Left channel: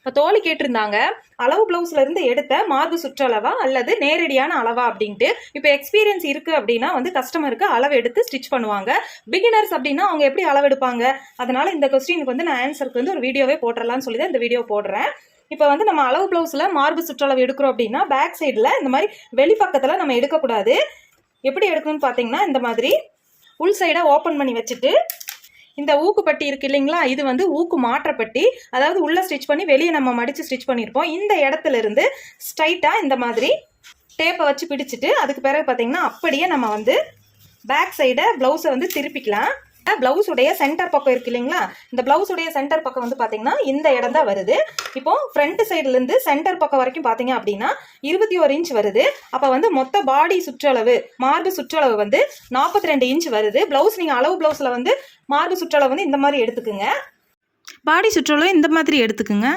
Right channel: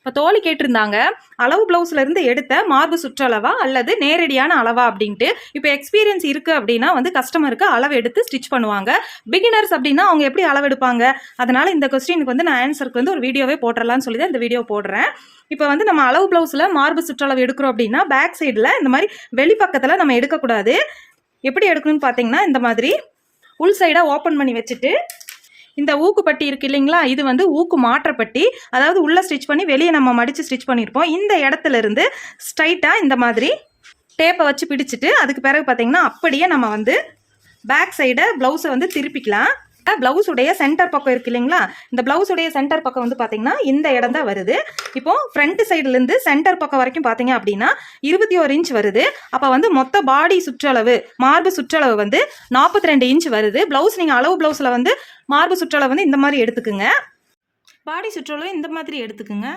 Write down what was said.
இப்போ தோழி கேட்டிருந்தாங்க, அளவு பிளவுஸ்ல இருந்து எடுத்த மார்பு சுற்றளவா அல்லது நேரடியான அளவா அப்படின்ட்டு. இப்போ எக்ஸ்பீரியன்ஸ் இருக்கு அப்படின்னா வந்து கஸ்டமருக்கு அளவு எடுத்து ஸ்டிச் பண்ணுவாங்க. பிகினர்ஸ் அப்படின்னா அவங்க எப்படி அளவு எடுப்பாங்க? அதனால இந்த கொஸ்டினுக்கு வந்து நான் ஆன்சருக்கு வந்து ஒரு வீடியோவே போட்டுடலாம்னு சொல்லி தான் இந்த வீடியோ போடுறேன். இப்போ வந்து நம்ம அளவு பிளவுஸ்ல மார்பு சுற்றளவு எடுக்கிறோம் அப்படின்னா பேக் சைடில் இந்த மாதிரி வெளிப்பக்கத்தில் நம்ம எடுக்கக்கூடாது. எப்படி எடுக்கணும்னு பார்த்தீங்கன்னா, இந்த மாதிரி உள் சைடாக ஓப்பன் பண்ணி வச்சுட்டு, இந்த ஊக்கு பட்டி இருக்கு இல்லைங்களா, இது வந்து ஊக்கு மாற்றப்பட்டி, அதாவது உள்ள ஸ்டிச் பண்ணி வெளியே நம்ம மடித்து ஸ்டிச் பண்ணியிருப்போம். இந்த இடத்துல இருந்து ஸ்ட்ரைட்டாக இந்த மாதிரி டேப்பை வச்சு பிடிச்சிட்டு, அதுக்கு பிறகு பார்த்தீங்கன்னா அப்படியே நம்ம வந்து பேக் சைடை ப்ளவுஸை வந்து திருப்பிக்கலாம். பிளவுஸுடைய சென்டர் பக்கம் இருக்கு இல்லைங்களா, இந்த பிளவுஸுடைய சென்டர் பக்கம் வந்து பார்த்தீங்கன்னா இந்த இடம் தான் வருது. இப்போ ஃப்ரண்ட் சைடுலேருந்து சென்டர் பக்கம் வரைக்கும் பார்த்தீங்க அப்படின்னா 21 இன்ச் வருது. அப்போ வந்து மொத்த பாடி சுற்றளவு மார்பு சுற்றளவு வந்து 42 இன்ச் வருது. பிளவுஸ் நீங்கள் அளவு பிளவுஸில் வந்து மார்பு சுற்றளவு வந்து இந்த மாதிரி எடுத்துக்குங்க, பாடி சுற்றளவு இந்த மாதிரி எடுத்துக்குங்க.